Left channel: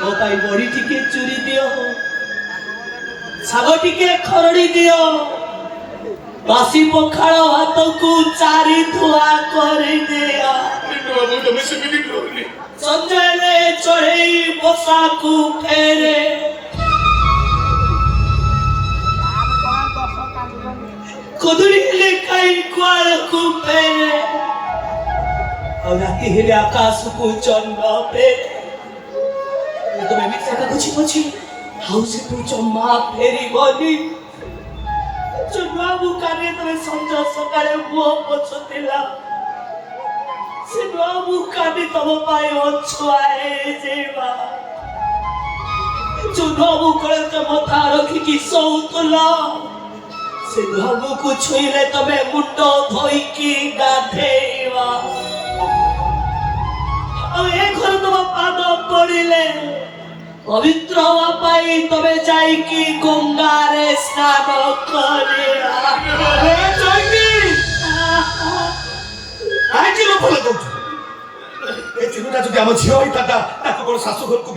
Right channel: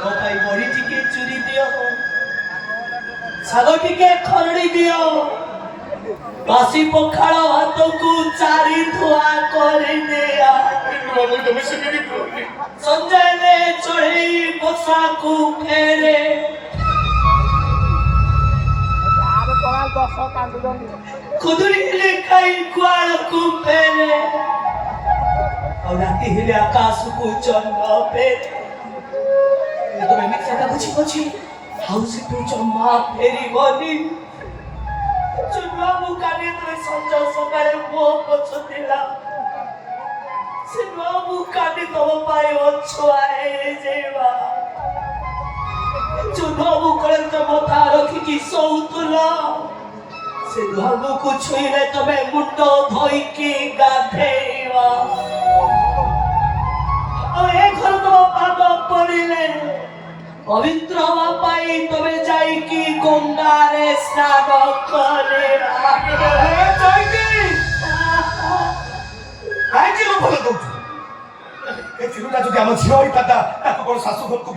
ମୋ ପାଇଁ ବଡି ଟିକେ ଚୁରି ଦିଅ, ଶାଗ ଟିକେ ଖରଡ଼ି ଦିଅ, ବାସି ପଖାଳ ଭାତକୁ 4 ଧୁଆ କରିଦିଅ। ସଞ୍ଜୟରେ ଚଢ଼େଇ ବସାକୁ ଫେରେ, କୁଦୁରି ହେଲେ କାଇ କୁଆଡ଼କୁ ଫେରେ, ଆଉ ରାତି ହେଲେ ଆକାଶକୁ ଚନ୍ଦ୍ର ଫେରେ। ତମେ ମିଥ୍ୟା କାଗଜି ଅଛି, ଆଉ ସେଠୁ ଜମା ଫେରିବନି। ନୂଆ ବୁକାରେ ତମେ ସଞ୍ଜ ସକାଳେ ମୁହଁ ପୋଛୁଥିଲା, ସେ ନୂଆ ବୁକାଟି ତମ ପାଇଁ ଅଛୁଆ ହେଇଯିବା। ଯୋଉ ନୂଆ ବୁକରେ ତମ ମଥା ରଖିକି ଶୋଉଥିଲ, ସେ ନୂଆ ବୁକୁ ଛୁଇଁଲେ ତମେ ମୁଣ୍ଡ ଧୋଇକି ଗାଧେଇବା। ଆଉ ଏ ଘରେ ତମ ପାଦ ପଡ଼ିଲେ ପବିତ୍ର ହବା ପାଇଁ ତମେ ଯାଇକି ଗଙ୍ଗାରେ ସ୍ନାନ କରିବା। କାହିଁକି ଭଲ କହୁଛୁ? ଏ ଚିନ୍ତା ଯଦି ଆମ ଝିଅ ହେଇଥାନ୍ତା ତାକୁ କଣ ଶାଶୁ ଘରକୁ